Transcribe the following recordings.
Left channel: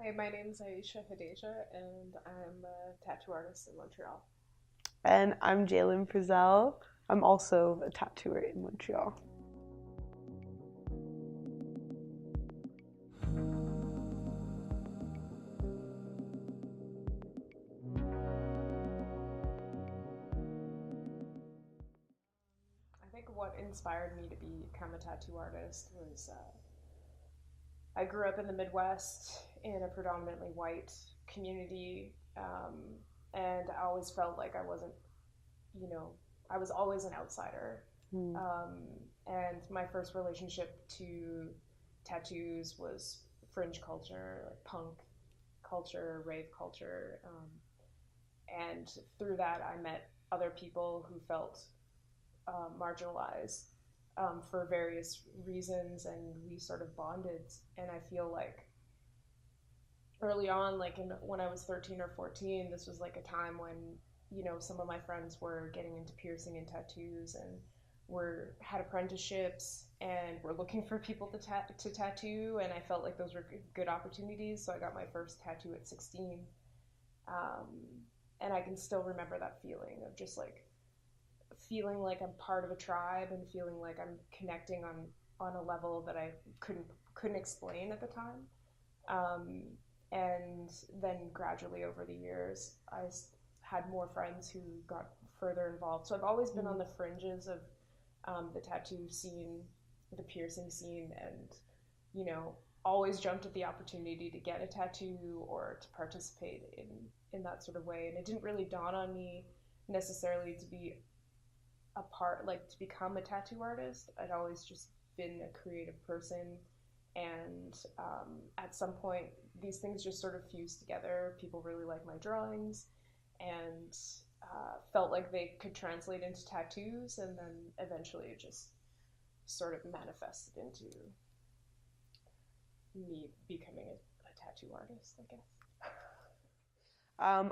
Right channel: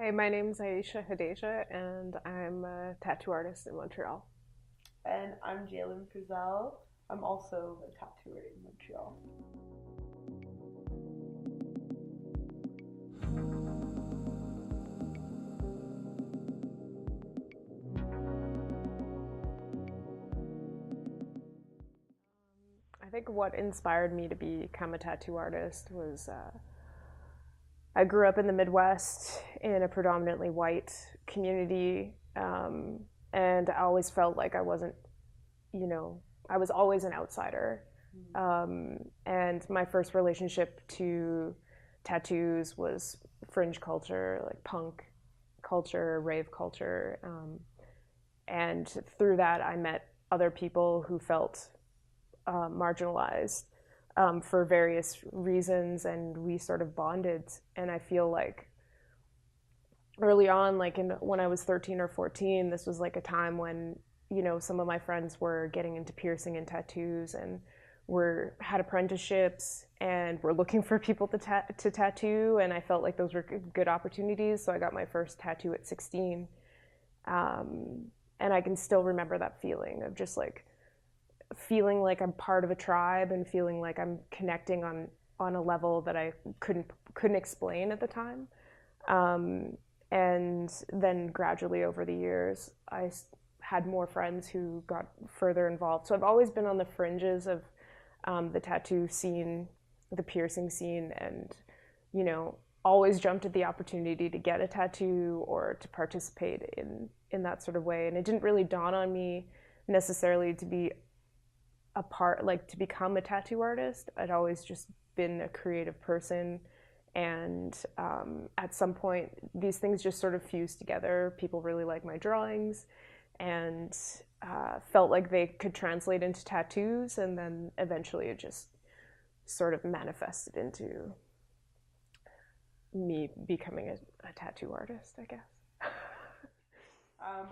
Hi, my name's Aisha and I'm a tattoo artist in Montreal. And I'm Jalen I'm also a tattooer in Montreal. I think what inspired me to become a tattoo artist was I grew up in the Midwest in a predominantly white community, and I always felt like I wasn't, you know, I was always an outsider. Mm. And my first relationship to tattoos was fringe culture, like punk culture, rave culture. And through that, I met other people who felt marginalized for various reasons, and we sort of bonded. And I feel like early on, like when I was 13 or 14, this was like a time when some of my friends were getting into piercing and tattoos, and had apprenticeships and were looking for people to tattoo, and I felt like those were good opportunities. So I got my first tattoo at 16, um, and I can still remember that feeling of just like feeling like I'm part of a tribe and feeling like I'm connecting on a level that I couldn't explain at the time. Um, and then gradually over the years, I had more friends who got further involved. So I've always been on the fringes of the tattoo scene, the piercing scene, and always jumped at the opportunity to get a tattoo or to participate in that sort of way. And it didn't really dawn on me necessarily to be a part, like to become a tattoo artist. I'd always just been a creative person, and at some point these things just sort of fused together. People really liked my drawings and felt like they could translate into tattoos, and then eventually it just sort of manifested into me becoming a tattoo artist, I guess.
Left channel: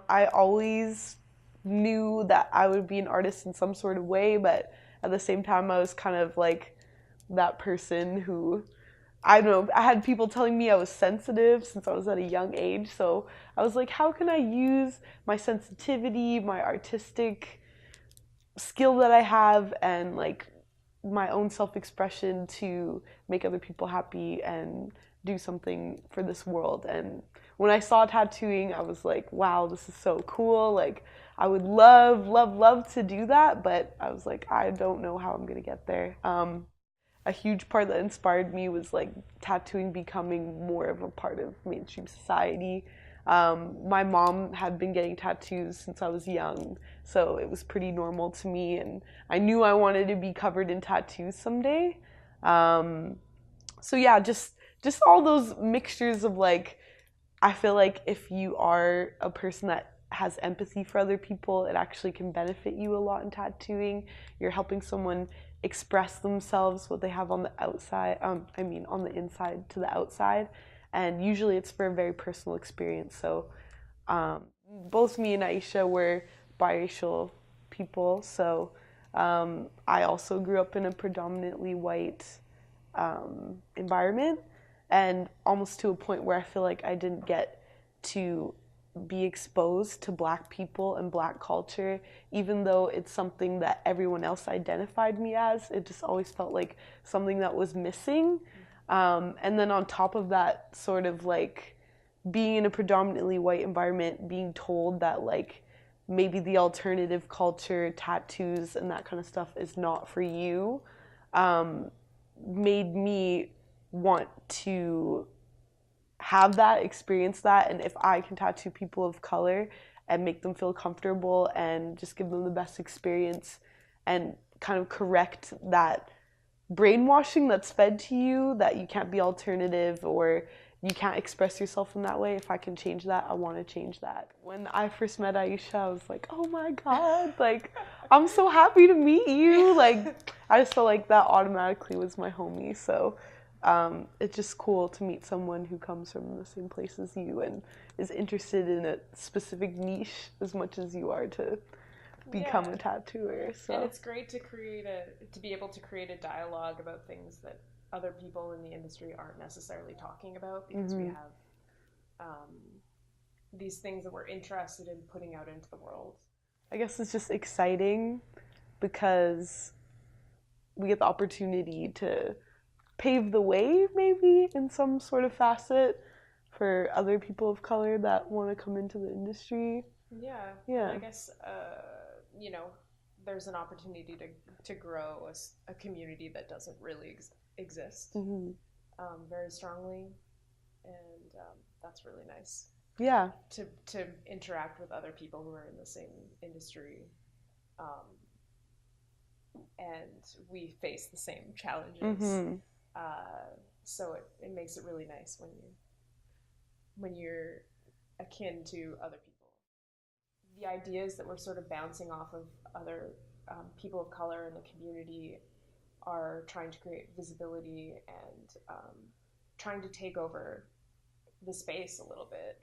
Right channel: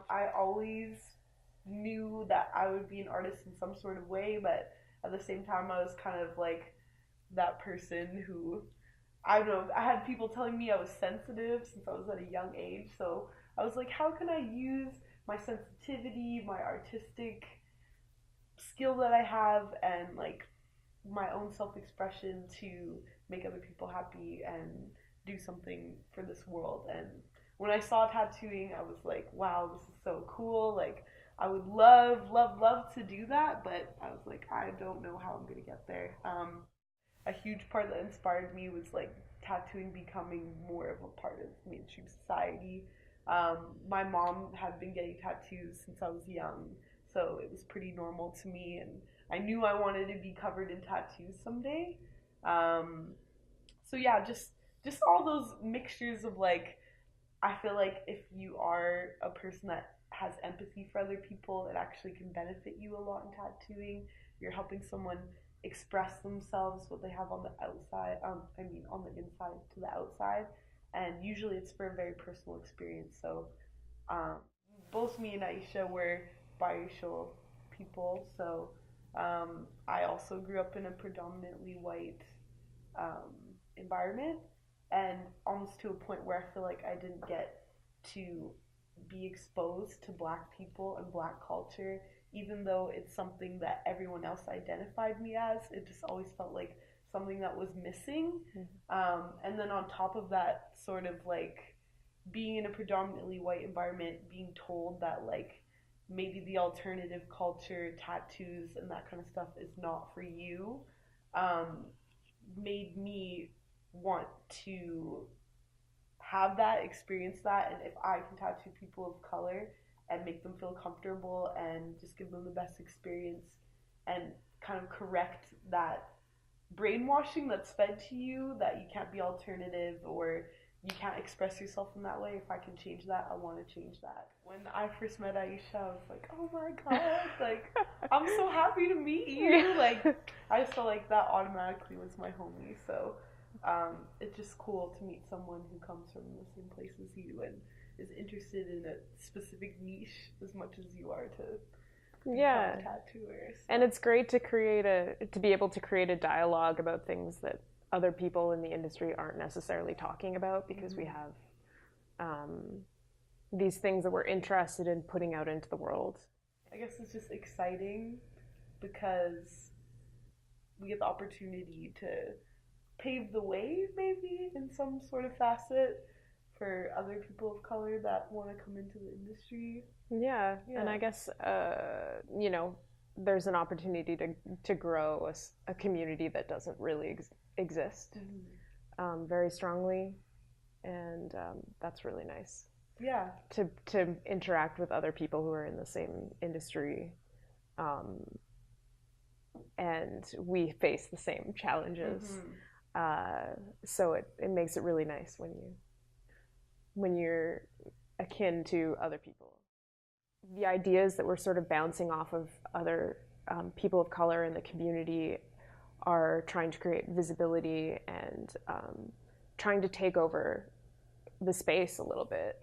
I always knew that I would be an artist in some sort of way, but at the same time, I was kind of like that person who, I don't know, I had people telling me I was sensitive since I was at a young age. So I was like, how can I use my sensitivity, my artistic skill that I have, and like my own self expression to make other people happy and do something for this world? And when I saw tattooing, I was like, wow, this is so cool. Like, I would love, love, love to do that, but I was like, I don't know how I'm gonna get there. A huge part that inspired me was like tattooing becoming more of a part of mainstream society. My mom had been getting tattoos since I was young, so it was pretty normal to me, and I knew I wanted to be covered in tattoos someday. Um, so yeah, just all those mixtures of like, I feel like if you are a person that has empathy for other people, it actually can benefit you a lot in tattooing. You're helping someone express themselves, what they have on the outside, on the inside to the outside. And usually it's for a very personal experience. So um, both me and Aisha were biracial people. So I also grew up in a predominantly white environment, and almost to a point where I feel like I didn't get to be exposed to black people and black culture, even though it's something that everyone else identified me as. It just always felt like something that was missing. And then on top of that, sort of like being in a predominantly white environment, being told that like maybe the alternative culture, tattoos, and that kind of stuff is not for you, um, made me want to have that, experience that, and if I can tattoo people of color and make them feel comfortable and just give them the best experience and kind of correct that brainwashing that's fed to you that you can't be alternative or you can't express yourself in that way. If I can change that, I want to change that. When I first met Aisha, I was like, oh my god, like, I'm so happy to meet you. Like, I just felt like that automatically was my homie. So it's just cool to meet someone who comes from the same place as you and is interested in a specific niche as much as you are to become Yeah, a tattooer. and So it's great to be able to create a dialogue about things that other people in the industry aren't necessarily talking about, because we have these things that we're interested in putting out into the world. I guess it's just exciting because we get the opportunity to pave the way, maybe in some sort of facet, for other people of color that want to come into the industry. Yeah. And I guess there's an opportunity to grow a community that doesn't really exist very strongly, and that's really nice. Yeah. To interact with other people who are in the same industry, and we face the same challenges. So it makes it really nice when you're akin to other people. The ideas that we're sort of bouncing off of other people of color in the community are trying to create visibility and trying to take over the space a little bit.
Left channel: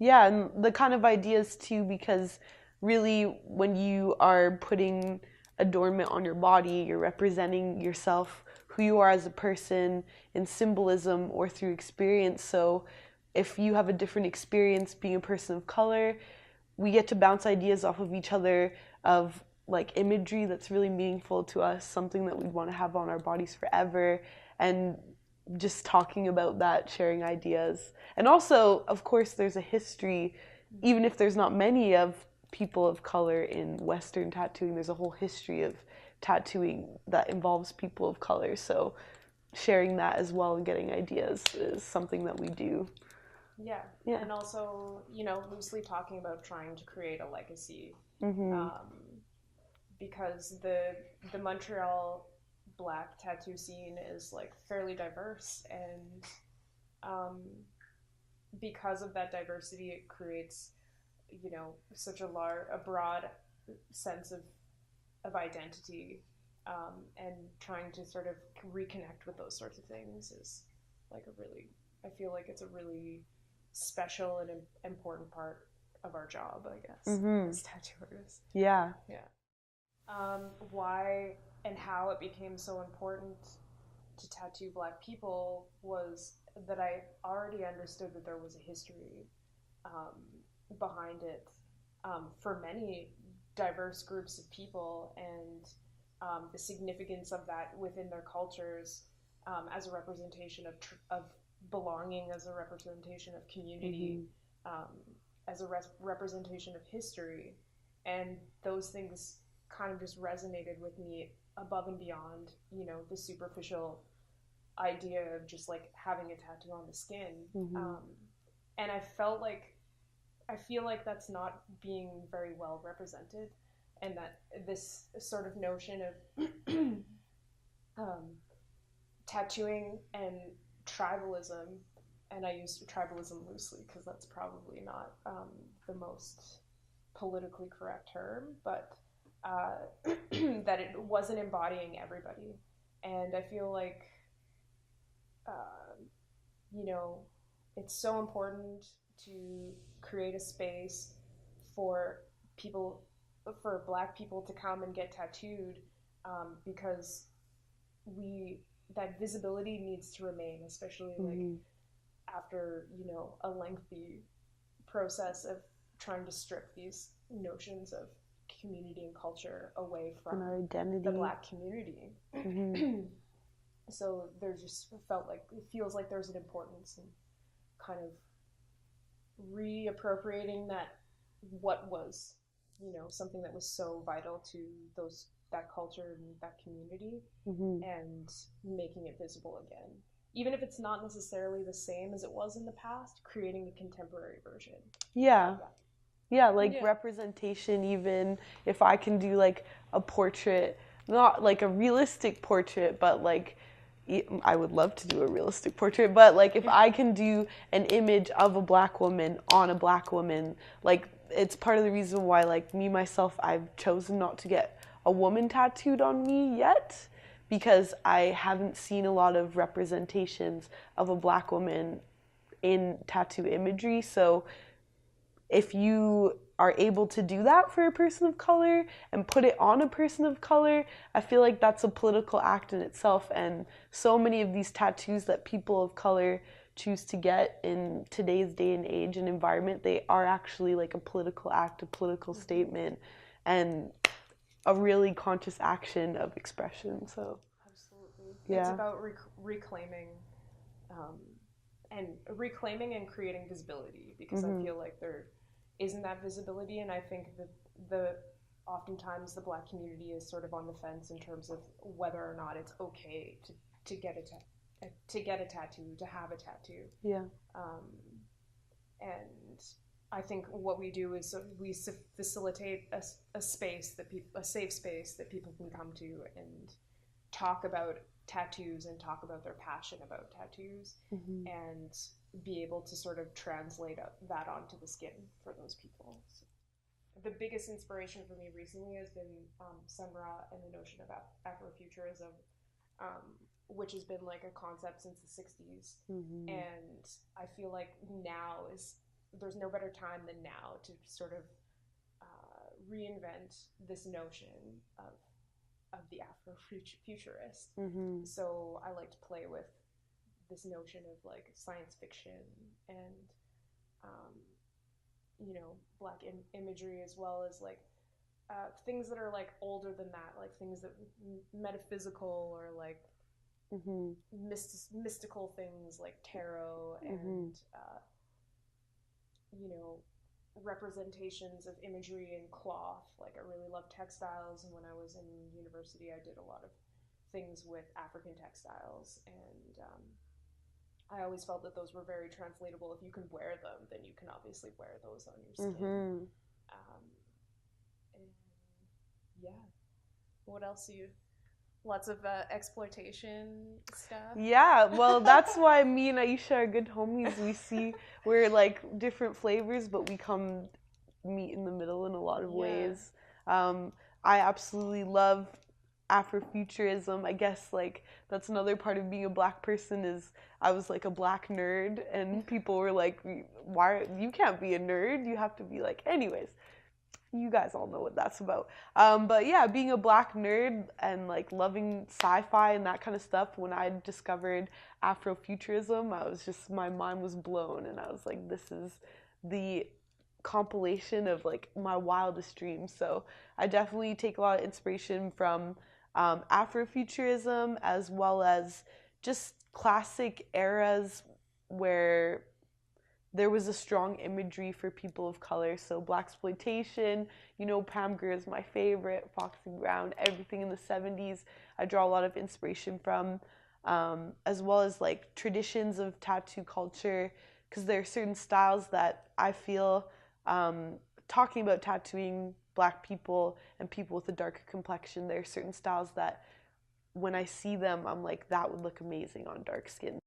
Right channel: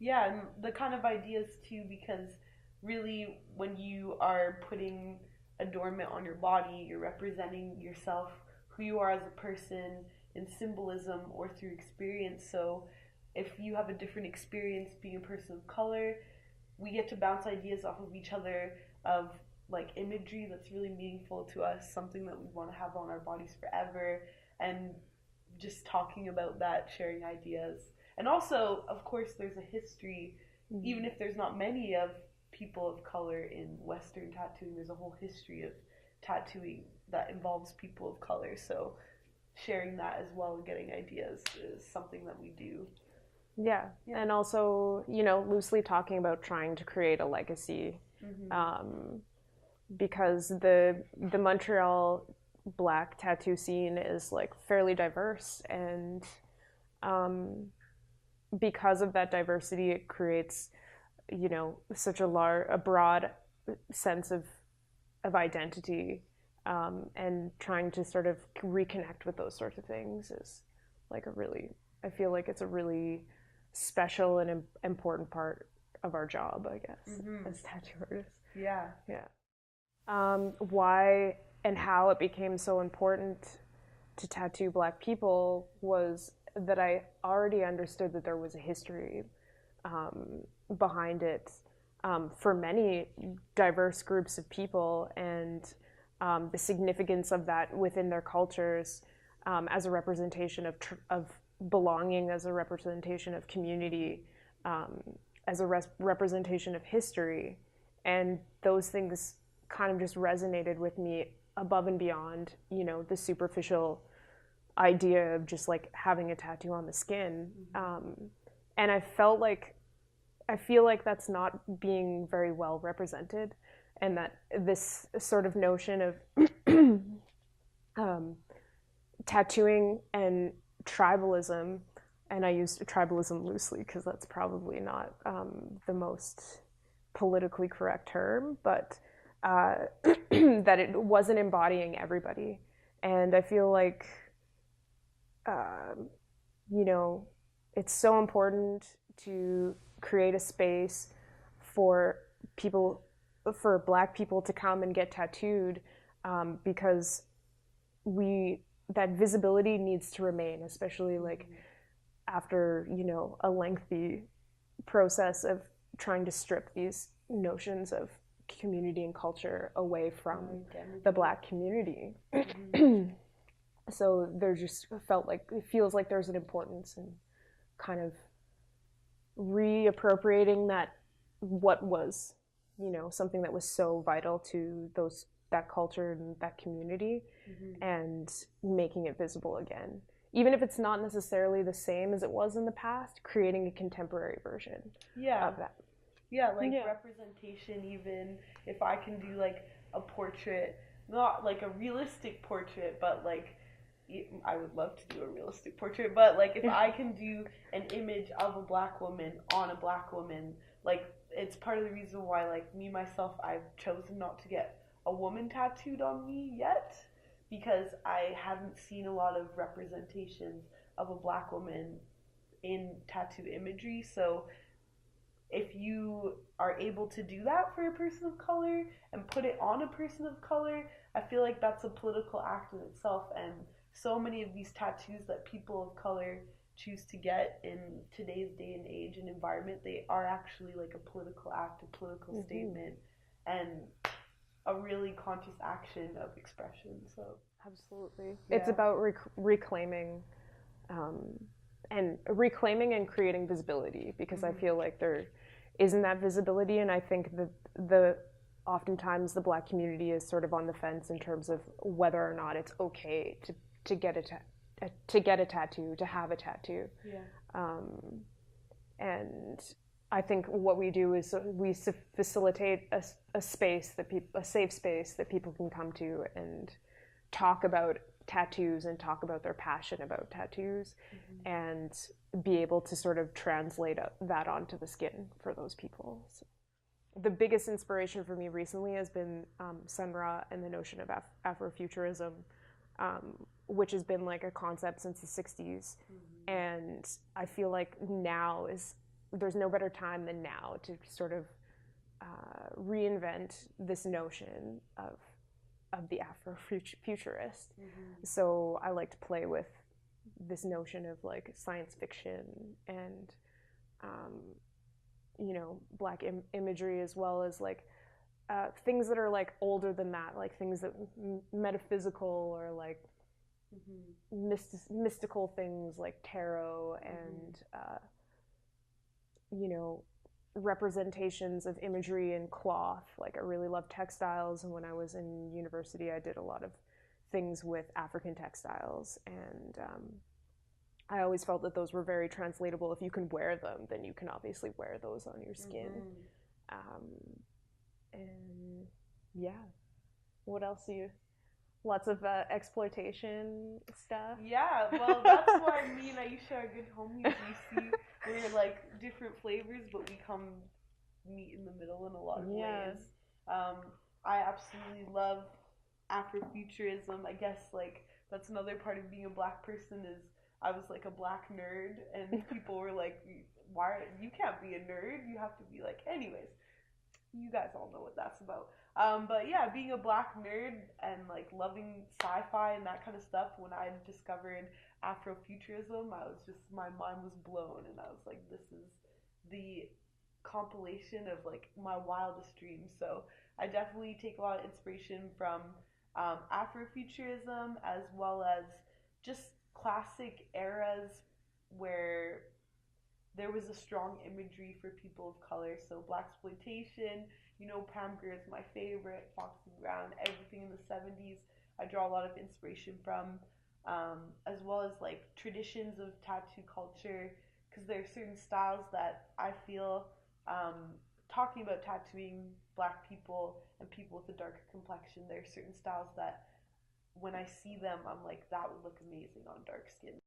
Yeah, and the kind of ideas too, because really when you are putting adornment on your body, you're representing yourself, who you are as a person, in symbolism or through experience. So if you have a different experience being a person of color, we get to bounce ideas off of each other of like imagery that's really meaningful to us, something that we want to have on our bodies forever, and just talking about that, sharing ideas. And also, of course, there's a history, even if there's not many of people of color in Western tattooing, there's a whole history of tattooing that involves people of color. So sharing that as well and getting ideas is something that we do. Yeah. And also, loosely talking about trying to create a legacy, because the Montreal Black tattoo scene is like fairly diverse, and because of that diversity, it creates such a broad sense of identity, and trying to sort of reconnect with those sorts of things is like I feel like it's a really special and important part of our job, I guess, as tattoo artists. Yeah. Why and how it became so important to tattoo Black people was that I already understood that there was a history behind it for many diverse groups of people, and the significance of that within their cultures as a representation of belonging, as a representation of community, as a representation of history. And those things kind of just resonated with me above and beyond, the superficial idea of just like having a tattoo on the skin. And I feel like that's not being very well represented, and that this sort of notion of tattooing and tribalism, and I use tribalism loosely because that's probably not the most politically correct term, but that it wasn't embodying everybody. And I feel like it's so important to create a space for Black people to come and get tattooed, because that visibility needs to remain, especially like after a lengthy process of trying to strip these notions of community and culture away from the Black community. So there just it feels like there's an importance in kind of reappropriating what was something that was so vital to that culture and that community, and making it visible again, even if it's not necessarily the same as it was in the past, creating a contemporary version of that. Representation. Even if I can do like a portrait, not like a realistic portrait, but like I would love to do a realistic portrait, but like if I can do an image of a Black woman on a Black woman, like it's part of the reason why like me myself, I've chosen not to get a woman tattooed on me yet, because I haven't seen a lot of representations of a Black woman in tattoo imagery. So if you are able to do that for a person of color and put it on a person of color, I feel like that's a political act in itself. And so many of these tattoos that people of color choose to get in today's day and age and environment, they are actually like a political act, a political statement, and a really conscious action of expression. So Absolutely. yeah. It's about reclaiming and creating visibility, because I feel like there isn't that visibility, and I think that oftentimes the Black community is sort of on the fence in terms of whether or not it's okay to get a tattoo, to have a tattoo. Yeah. And I think what we do is we facilitate a space a safe space that people can come to and talk about tattoos and talk about their passion about tattoos, and be able to sort of translate that onto the skin for those people. So the biggest inspiration for me recently has been Sun Ra and the notion of Afrofuturism, which has been like a concept since the 60s. And I feel like there's no better time than now to sort of reinvent this notion of the Afrofuturist. So I like to play with this notion of like science fiction and Black imagery, as well as like things that are like older than that, like things that metaphysical or like mystical things like tarot and representations of imagery in cloth. Like I really love textiles, and when I was in university I did a lot of things with African textiles, and I always felt that those were very translatable. If you can wear them, then you can obviously wear those on your skin. And yeah, what else do you? Lots of exploitation stuff. Yeah, well, that's why me and Aisha are good homies. We're like different flavors, but we meet in the middle in a lot of ways. I absolutely love Afrofuturism. I guess like that's another part of being a Black person is I was like a Black nerd, and people were like, "Why you can't be a nerd? You have to be like." Anyways, you guys all know what that's about. But yeah, being a Black nerd and like loving sci-fi and that kind of stuff, when I discovered Afrofuturism, my mind was blown, and I was like, this is the compilation of like my wildest dreams. So I definitely take a lot of inspiration from Afrofuturism, as well as just classic eras where there was a strong imagery for people of color. So blaxploitation, Pam Grier is my favorite, Foxy Brown, everything in the 70s I draw a lot of inspiration from, as well as like traditions of tattoo culture, because there are certain styles that I feel, talking about tattooing Black people and people with a darker complexion, there are certain styles that when I see them, I'm like, that would look amazing on dark skin.